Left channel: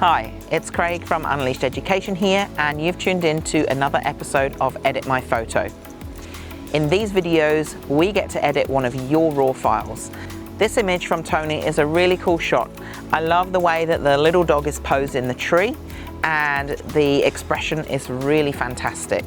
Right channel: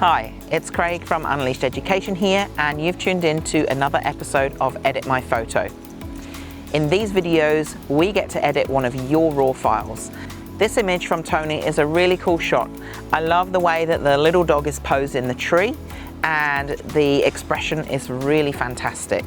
Hi, it's Craig from Unleashed Education here, and you've tuned in to another episode of Edit My Photo. In these videos, we get to edit one of your raw files. This image from Toni is a really cool shot. I love the way that the little dog is posed in the tree, and the expression is really fantastic.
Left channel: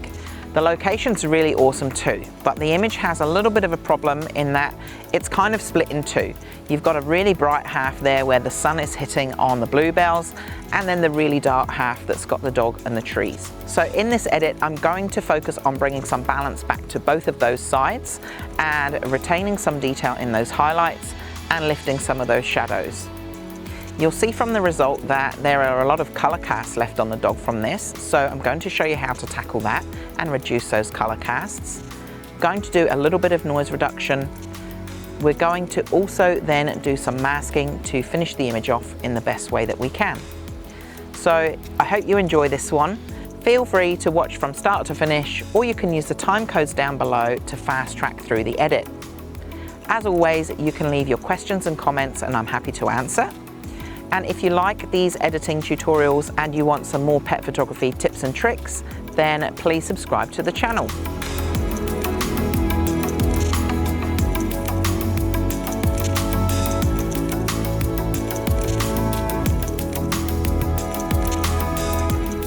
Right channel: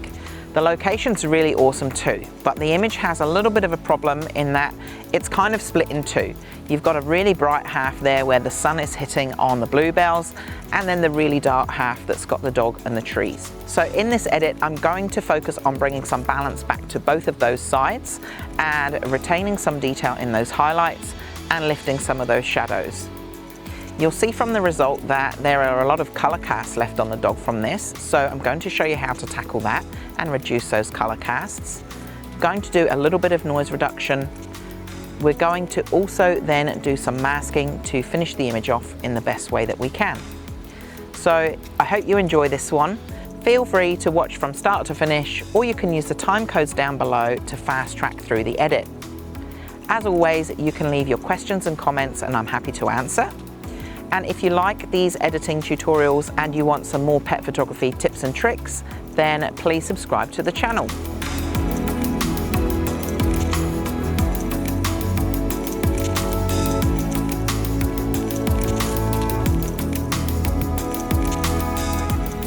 The location's really awesome too, but the image has a little bit of a problem in that it's kind of split in two. You've got a really bright half there where the sun is hitting on the bluebells, and then the really dark half that's got the dog and the trees. So in this edit, I'm going to focus on bringing some balance back to both of those sides and retaining some detail in those highlights and lifting some of those shadows. You'll see from the result that there are a lot of color casts left on the dog from this, so I'm going to show you how to tackle that and reduce those color casts. I'm going to do a little bit of noise reduction. We're going to also then do some masking to finish the image off in the best way that we can. So I hope you enjoy this one. Feel free to watch from start to finish, or you can use the time codes down below to fast track through the edit. As always, you can leave your questions and comments and I'm happy to answer. And if you like these editing tutorials and you want some more pet photography tips and tricks, then please subscribe to the channel.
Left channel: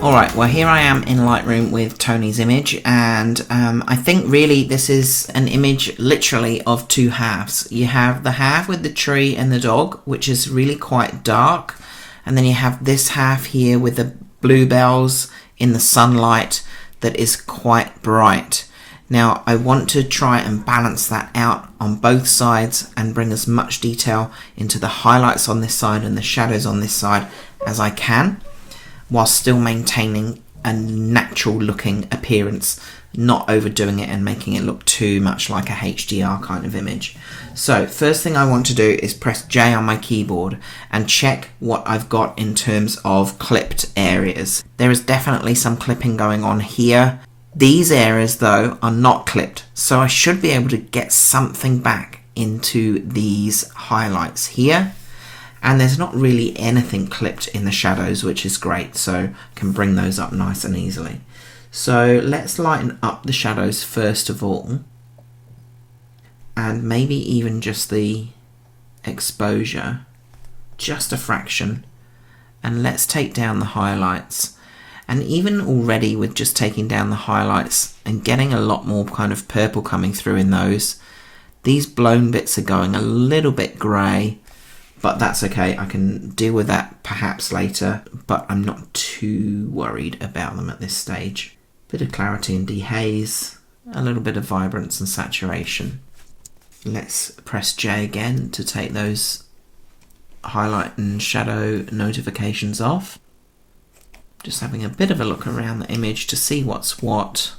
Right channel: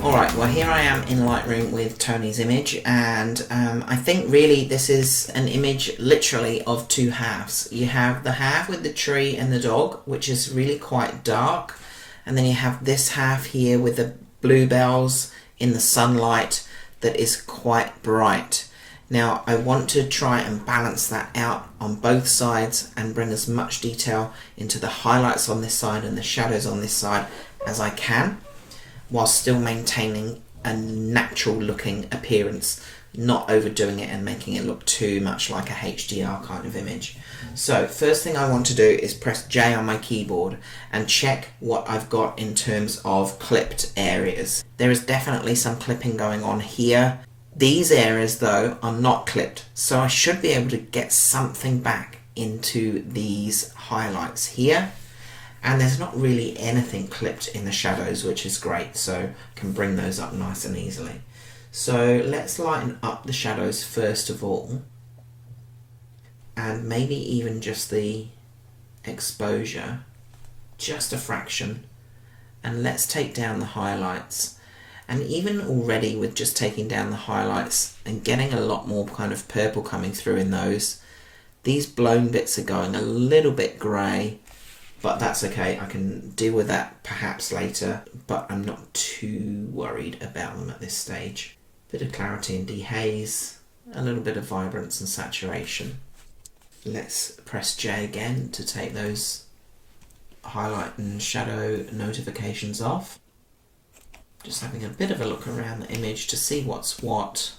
Alright, well here I am in Lightroom with Toni's image, and I think really this is an image literally of two halves. You have the half with the tree and the dog, which is really quite dark, and then you have this half here with the bluebells in the sunlight that is quite bright. Now I want to try and balance that out on both sides and bring as much detail into the highlights on this side and the shadows on this side as I can, while still maintaining a natural looking appearance, not overdoing it and making it look too much like a HDR kind of image. So first thing I want to do is press J on my keyboard and check what I've got in terms of clipped areas. There is definitely some clipping going on here. These areas though are not clipped, so I should be able to get something back into these highlights here. And there's not really anything clipped in the shadows, which is great, so I can bring those up nice and easily. So let's lighten up the shadows first of all, and maybe even just the exposure, just a fraction, and let's take down the highlights. And even already with just taking down the highlights and getting a lot more kind of purple coming through in those, these blown bits are going a little bit grey. But that's okay, I can deal with that perhaps later, but I'm not too worried about them at this stage. Bit of clarity and dehaze, a little bit of vibrance and saturation. Let's press J again to take those highlight and shadow notifications off. Just having a bit of a look around the image to see what's what.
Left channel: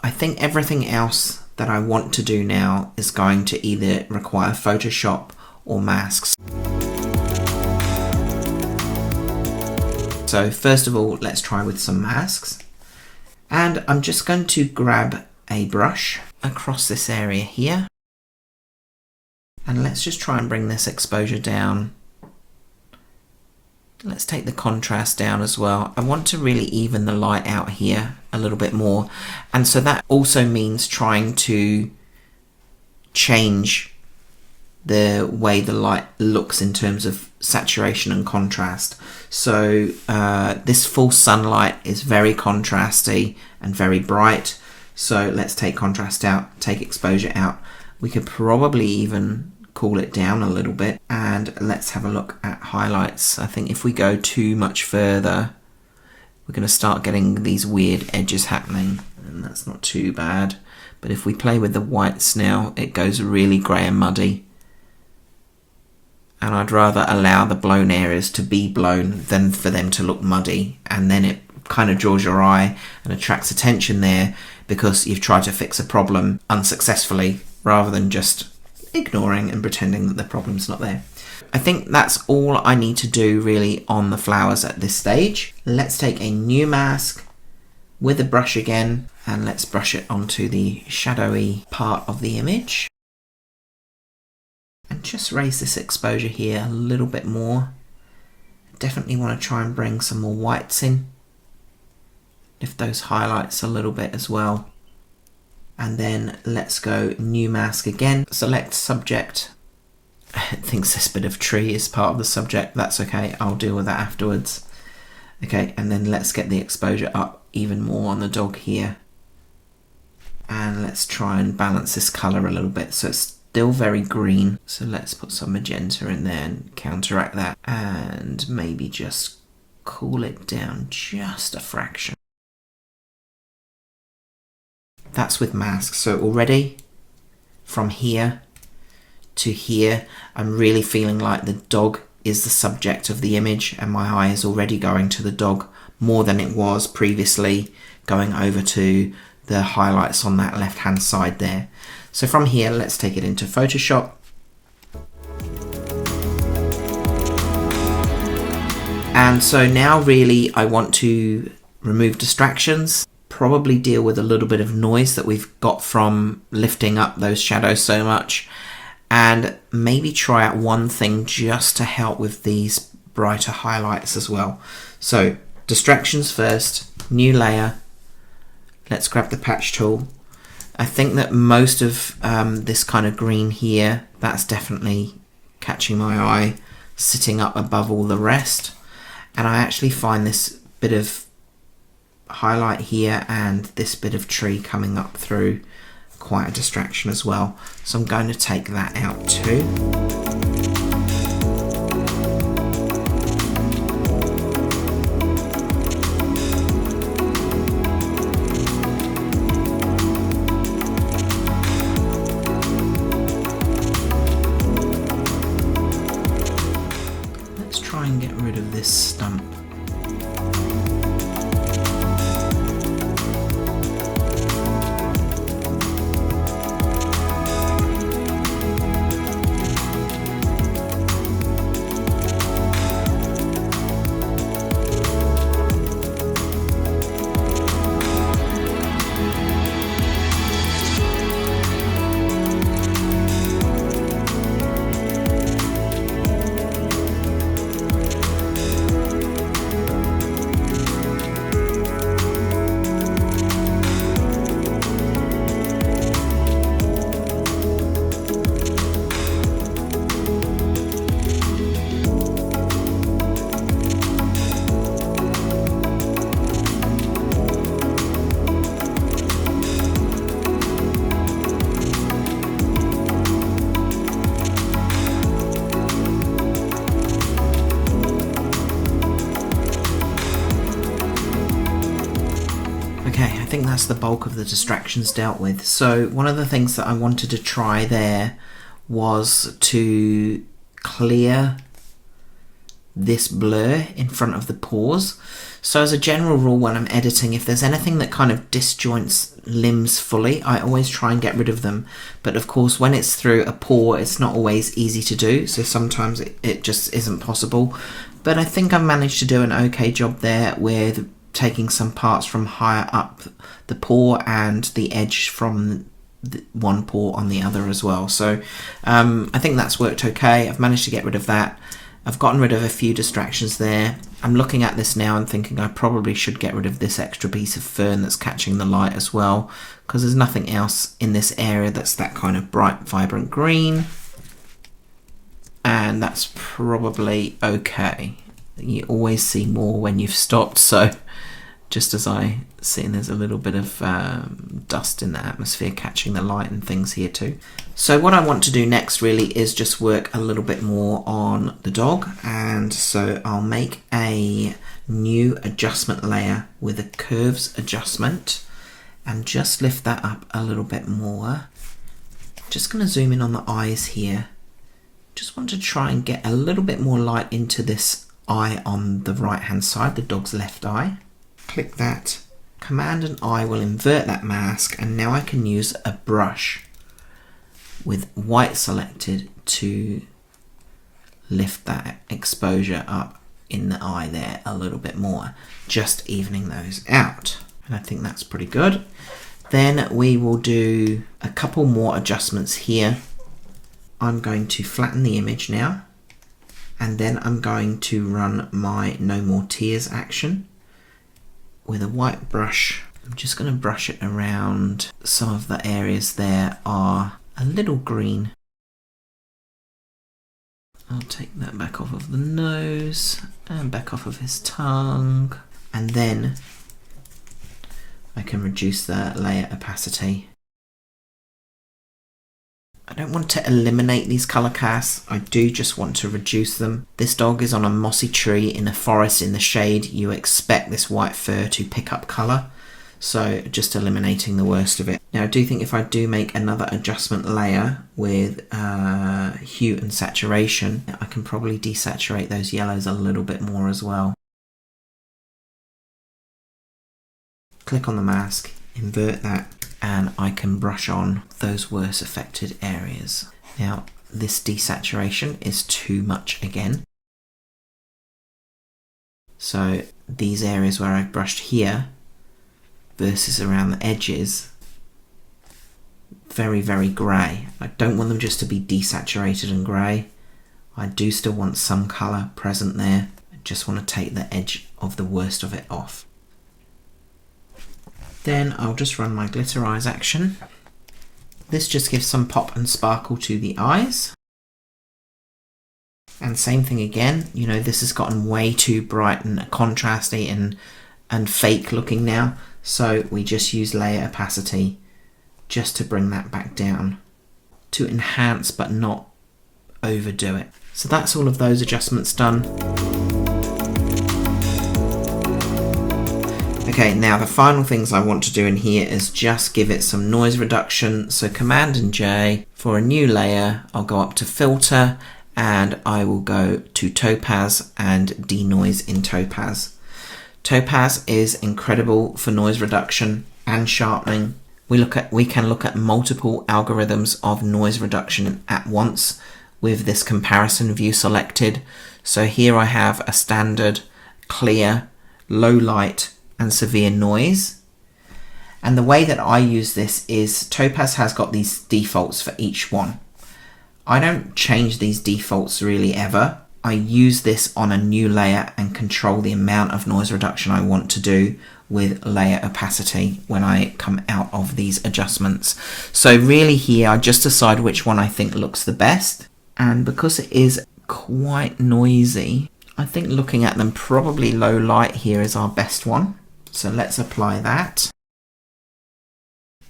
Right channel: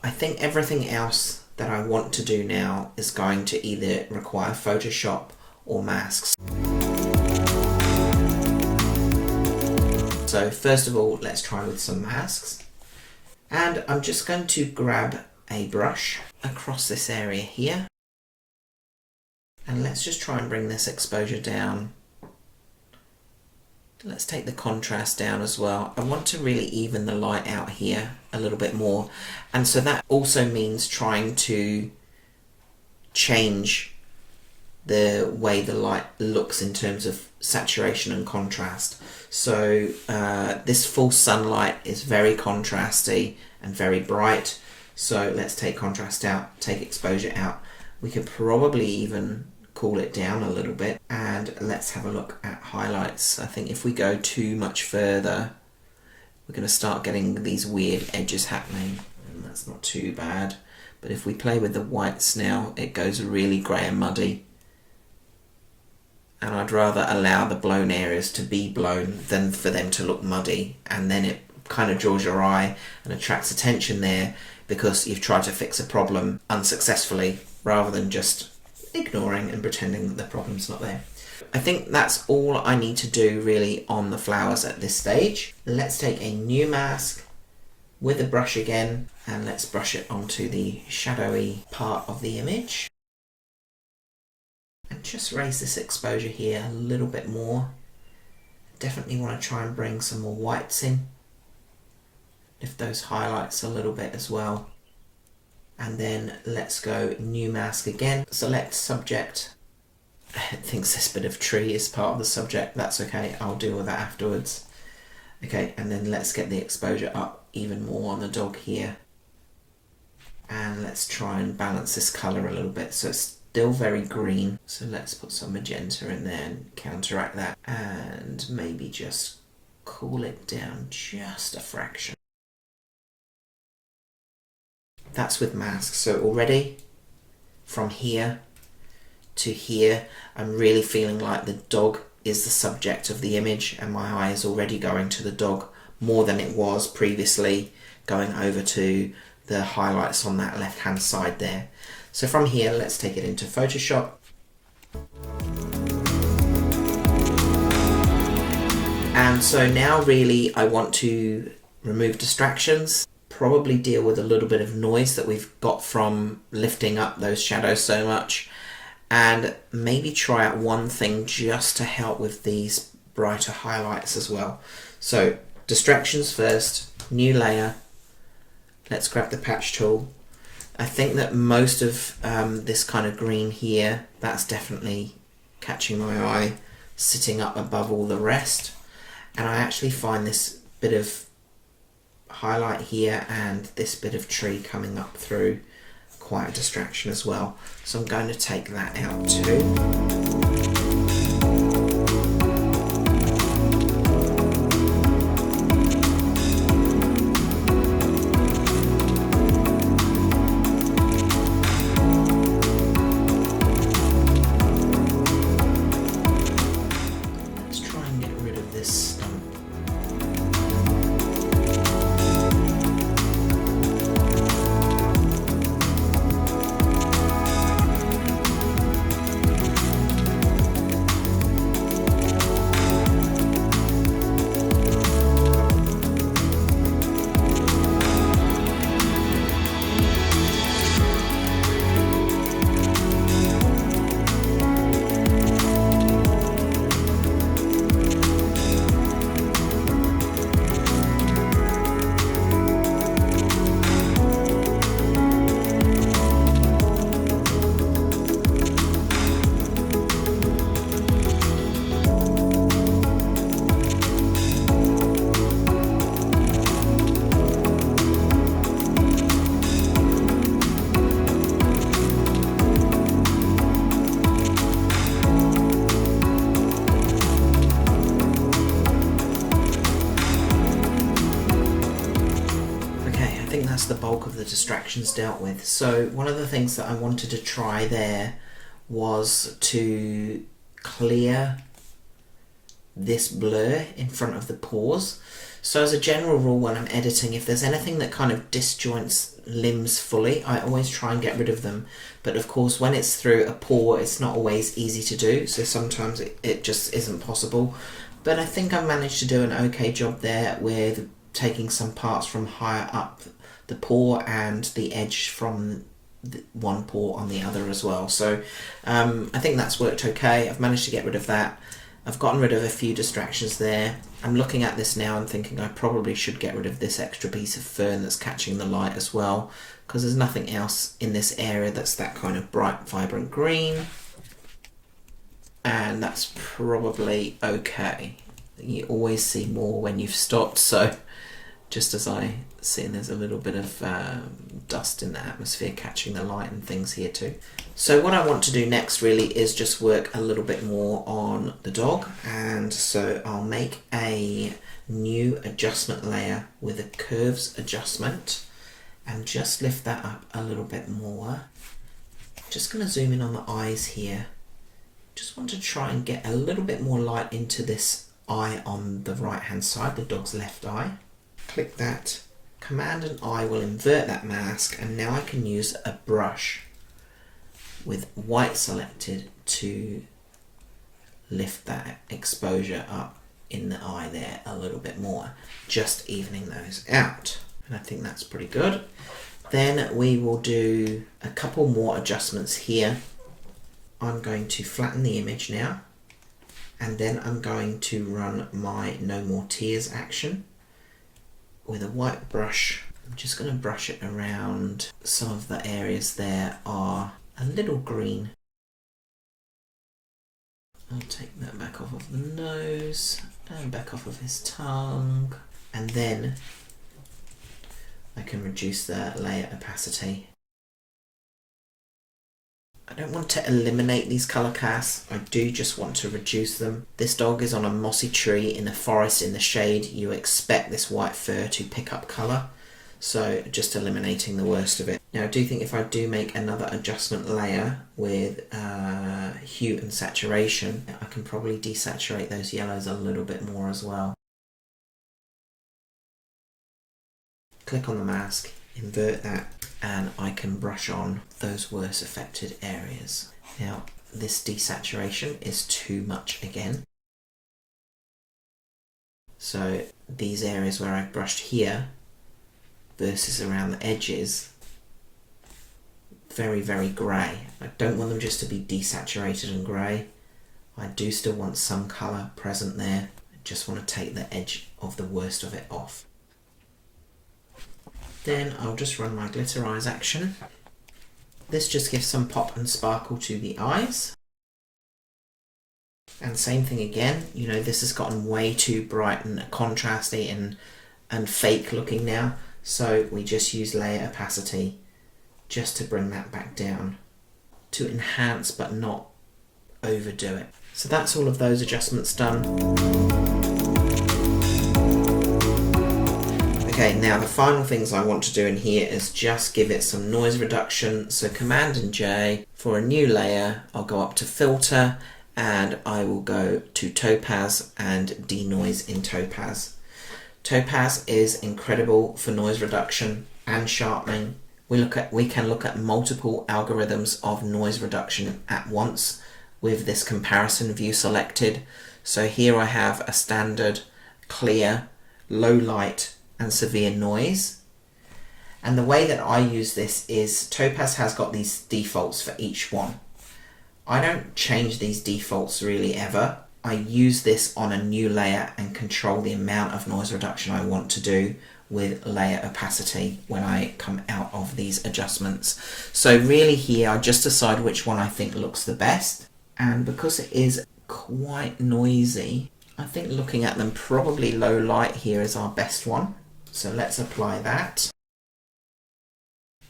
I think everything else that I want to do now is going to either require Photoshop or masks. So first of all, let's try with some masks. And I'm just going to grab a brush across this area here. And let's just try and bring this exposure down. Let's take the contrast down as well. I want to really even the light out here a little bit more. And so that also means trying to change the way the light looks in terms of saturation and contrast. So this full sunlight is very contrasty and very bright. So let's take contrast out, take exposure out. We could probably even cool it down a little bit, and let's have a look at highlights. I think if we go too much further, we're going to start getting these weird edges happening, and that's not too bad. But if we play with the whites now, it goes really grey and muddy. And I'd rather allow the blown areas to be blown than for them to look muddy, and then it kind of draws your eye and attracts attention there because you've tried to fix a problem unsuccessfully rather than just ignoring and pretending that the problem's not there. I think that's all I need to do really on the flowers at this stage. Let's take a new mask with a brush again, and let's brush it onto the shadowy part of the image. And just raise this exposure here a little bit more. Definitely want to try and bring some more whites in. Lift those highlights a little bit as well. And then let's go new mask again. Select subject. It thinks this bit of tree is part of the subject. That's okay, I'll deal with that afterwards. Okay, and then let's get the exposure up even more on the dog here. And let's try and balance this color a little bit so it's still very green. So let's put some magenta in there and counteract that. And maybe just cool it down just a fraction. That's with masks. So already from here to here, I'm really feeling like the dog is the subject of the image, and my eye is already going to the dog more than it was previously going over to the highlights on that left hand side there. So from here, let's take it into Photoshop. And so now really I want to remove distractions, probably deal with a little bit of noise that we've got from lifting up those shadows so much, and maybe try out one thing just to help with these brighter highlights as well. So distractions first, new layer. Let's grab the patch tool. I think that most of this kind of green here, that's definitely catching my eye, sitting up above all the rest. And I actually find this bit of highlight here and this bit of tree coming up through quite a distraction as well. So I'm going to take that out too. Let's try and get rid of this stump. I think that's the bulk of the distractions dealt with. So one of the things that I wanted to try there was to clear this blur in front of the pores. So as a general rule when I'm editing, if there's anything that kind of disjoints limbs fully, I always try and get rid of them. But of course when it's through a pore, it's not always easy to do, so sometimes it just isn't possible. But I think I've managed to do an okay job there with taking some parts from higher up the pore and the edge from one pore on the other as well. So I think that's worked okay. I've managed to get rid of that. I've gotten rid of a few distractions there. I'm looking at this now and thinking I probably should get rid of this extra piece of fern that's catching the light as well, because there's nothing else in this area that's that kind of bright, vibrant green. And that's probably okay. You always see more when you've stopped, so just as I see, there's a little bit of dust in the atmosphere catching the light and things here too. So what I want to do next really is just work a little bit more on the dog, and so I'll make a new adjustment layer with a curves adjustment and just lift that up a little bit more. Just going to zoom in on the eyes here. Just want to try and get a little bit more light into this eye on the right hand side, the dog's left eye. Click that, Command and I will invert that mask, and now I can use a brush with white selected to lift that exposure up in the eye there a little bit more, just evening those out. And I think that's pretty good. Then we will do a couple more adjustments here. I'm going to flatten the image now And then I'm going to run my No More Tears action with a white brush. I'm just going to brush it around. Some of the areas there are a little green. I'll take that back off of the nose and back off of his tongue. And then I can reduce the layer opacity. I don't want to eliminate these colour casts, I do just want to reduce them. This dog is on a mossy tree in a forest in the shade. You expect this white fur to pick up colour, so just eliminating the worst of it. Now I do think if I do make another adjustment layer with hue and saturation, I can probably desaturate those yellows a little bit more as well. Click on the mask, invert that, and I can brush on those worst affected areas. Now this desaturation is too much again. So these areas where I've brushed here versus around the edges, very, very grey. I don't want them just to be desaturated and grey. I do still want some colour present there. I just want to take the edge of the worst of it off. Then I'll just run my glitter eyes action. This just gives some pop and sparkle to the eyes. And same thing again, you know, this has gotten way too bright and contrasty and fake looking now. So we just use layer opacity just to bring that back down, to enhance but not overdo it. So that's all of those adjustments done. Okay, now the final things I want to do in here is just give it some noise reduction. So Command and J for a new layer, I'll go up to Filter and I will go to Topaz and denoise in Topaz. Topaz is incredible for noise reduction and sharpening. We can look at multiple algorithms of noise reduction at once with this comparison view selected. So here I have a standard, clear, low light and severe noise. And the way that I use this is Topaz has got these defaults for each one. I don't change these defaults really ever. I use this on a new layer and control the amount of noise reduction I want to do with layer opacity when I come out of these adjustments. So really here I just decide which one I think looks the best, and because it is quite noisy, I think looking at them, probably low light here is our best one. So let's apply that.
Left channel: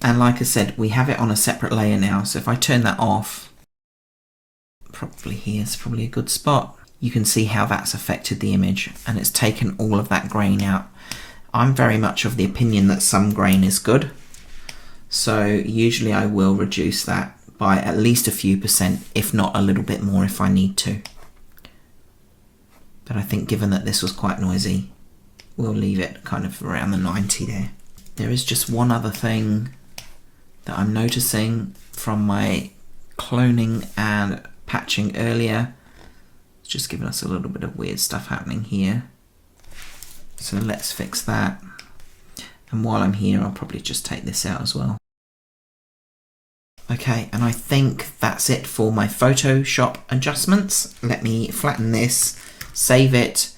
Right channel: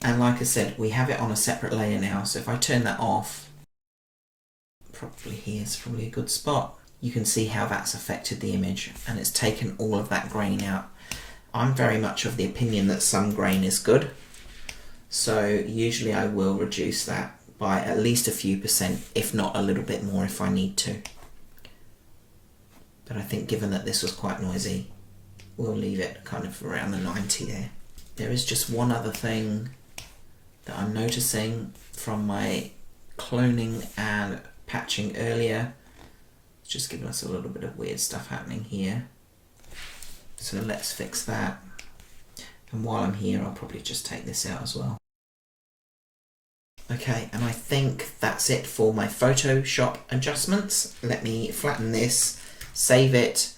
And like I said, we have it on a separate layer now, so if I turn that off, probably here's probably a good spot. You can see how that's affected the image and it's taken all of that grain out. I'm very much of the opinion that some grain is good, so usually I will reduce that by at least a few percent, if not a little bit more if I need to. But I think given that this was quite noisy, we'll leave it kind of around the 90 there. There is just one other thing that I'm noticing from my cloning and patching earlier. It's just giving us a little bit of weird stuff happening here. So let's fix that. And while I'm here, I'll probably just take this out as well. Okay, and I think that's it for my Photoshop adjustments. Let me flatten this, save it,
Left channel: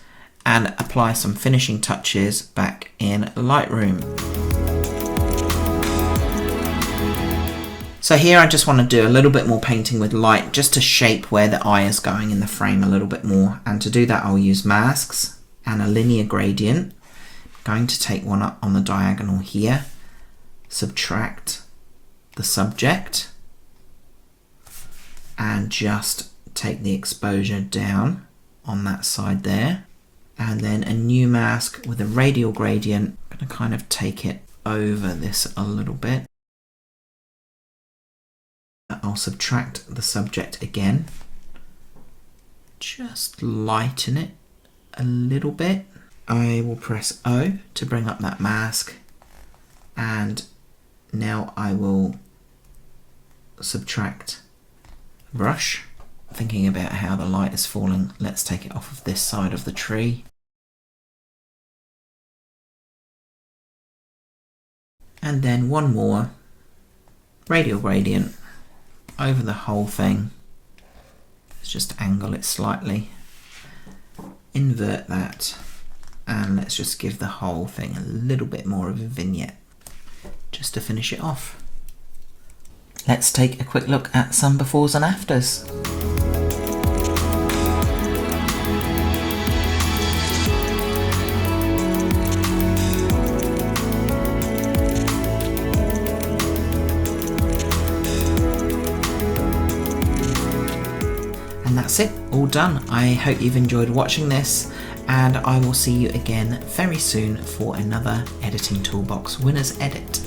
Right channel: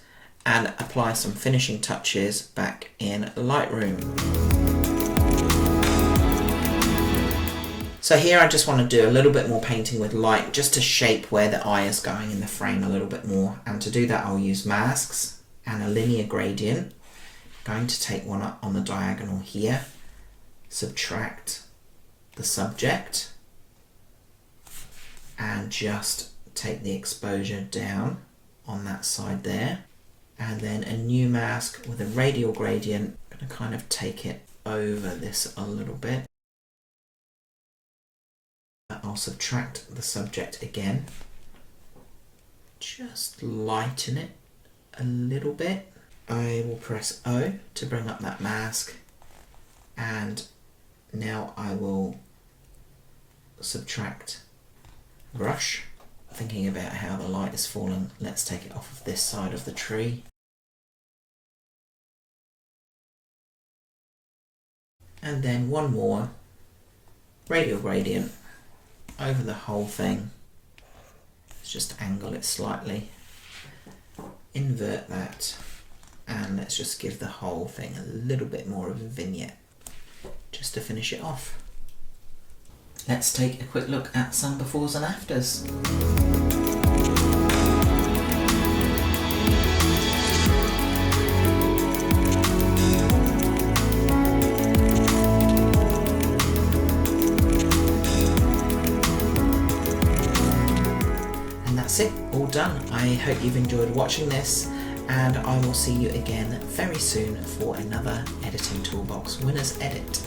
and apply some finishing touches back in Lightroom. So here I just want to do a little bit more painting with light just to shape where the eye is going in the frame a little bit more. And to do that I'll use masks and a linear gradient. I'm going to take one up on the diagonal here, subtract the subject and just take the exposure down on that side there. And then a new mask with a radial gradient. I'm going to kind of take it over this a little bit. I'll subtract the subject again, just lighten it a little bit. I will press O to bring up that mask, and now I will subtract brush. Thinking about how the light is falling, let's take it off of this side of the tree. And then one more radial gradient over the whole thing. Let's just angle it slightly invert that, and let's just give the whole thing a little bit more of a vignette just to finish it off. Let's take a quick look at some befores and afters. And that's it, all done. I hope you've enjoyed watching this, and I will see you again very soon for another Editing Toolbox Winners Edit.